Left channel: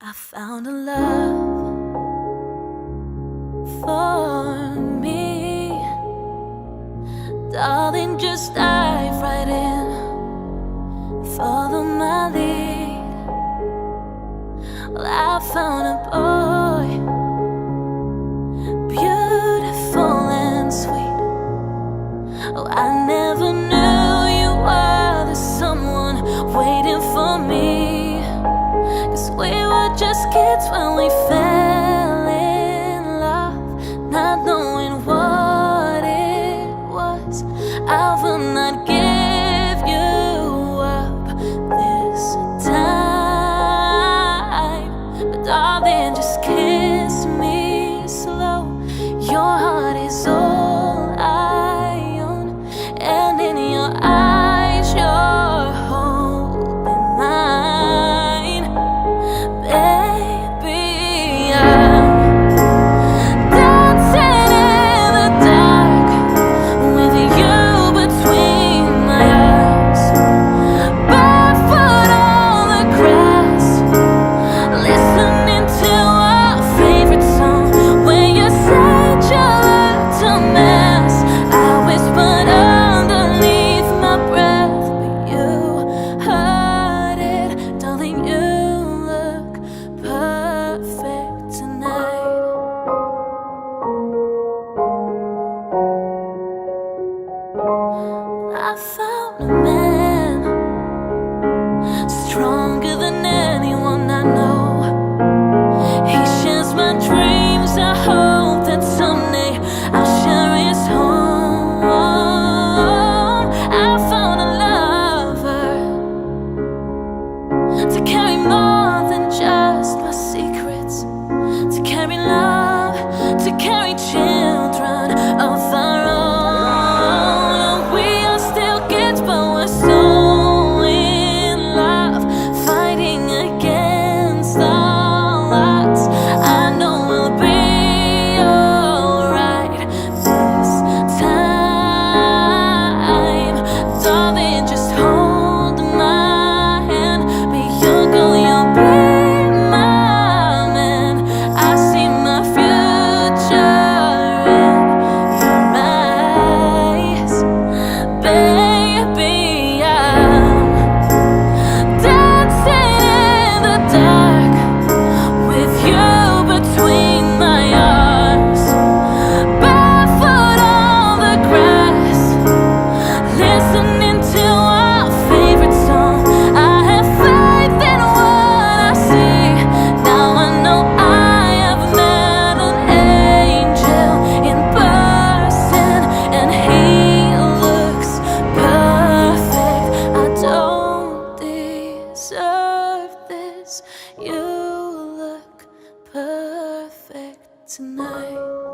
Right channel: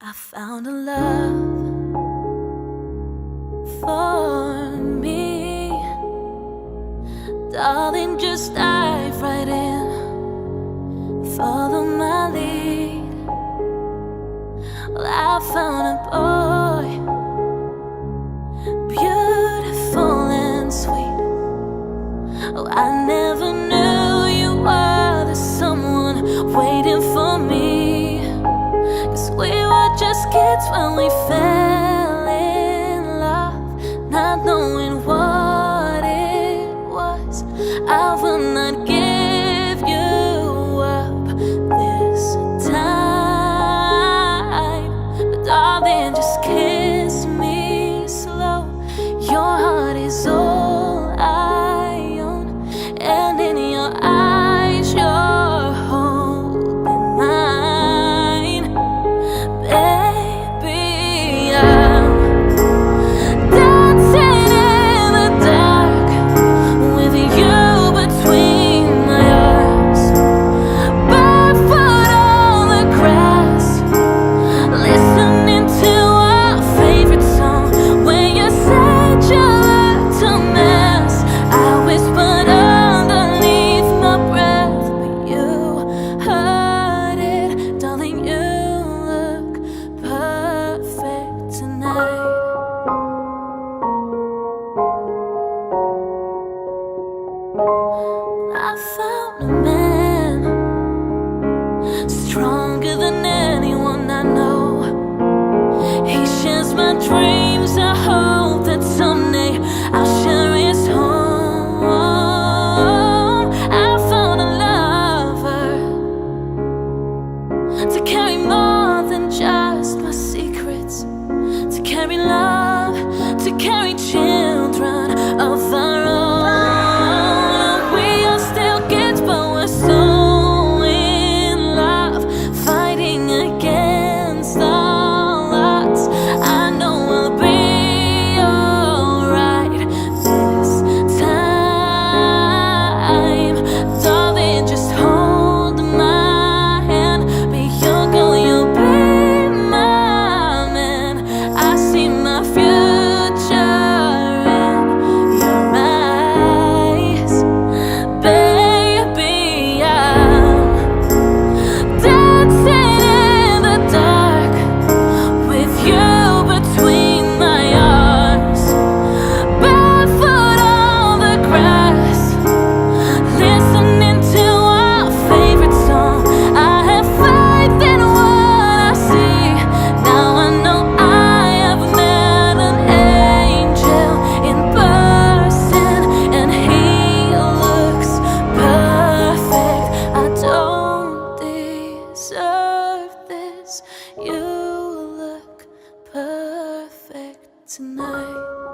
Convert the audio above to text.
I found a love for me. Darling, just dive right in, follow my lead. Well, I found a boy, beautiful and sweet. Oh, I never knew you were the someone waiting for me. 'Cause we were just kids when we fell in love, not knowing what it was. I will not give you up this time, but darling, just kiss me slow. Your heart is all I own, and in your eyes you're holding mine. Baby, I'm dancing in the dark with you between my arms, barefoot on the grass, listening to our favorite song. When you said you looked a mess, I whispered underneath my breath, but you heard it, darling. You look perfect tonight. I found a man stronger than anyone I know. He shares my dreams. I hope that someday I'll share his home. I found a lover to carry more than just my secrets, to carry love, to carry children of our own. We are still kids, but we're so in love, fighting against all odds. I know we'll be alright this time. Darling, just hold my hand. Be your girl, you'll be my man. I see my future in your eyes. Baby, I'm dancing in the dark with you between my arms, barefoot on the grass, listening to our favorite song. I have faith in what I see. Now I know I have met an angel in person, and he looks perfect. I don't deserve this. You look perfect tonight.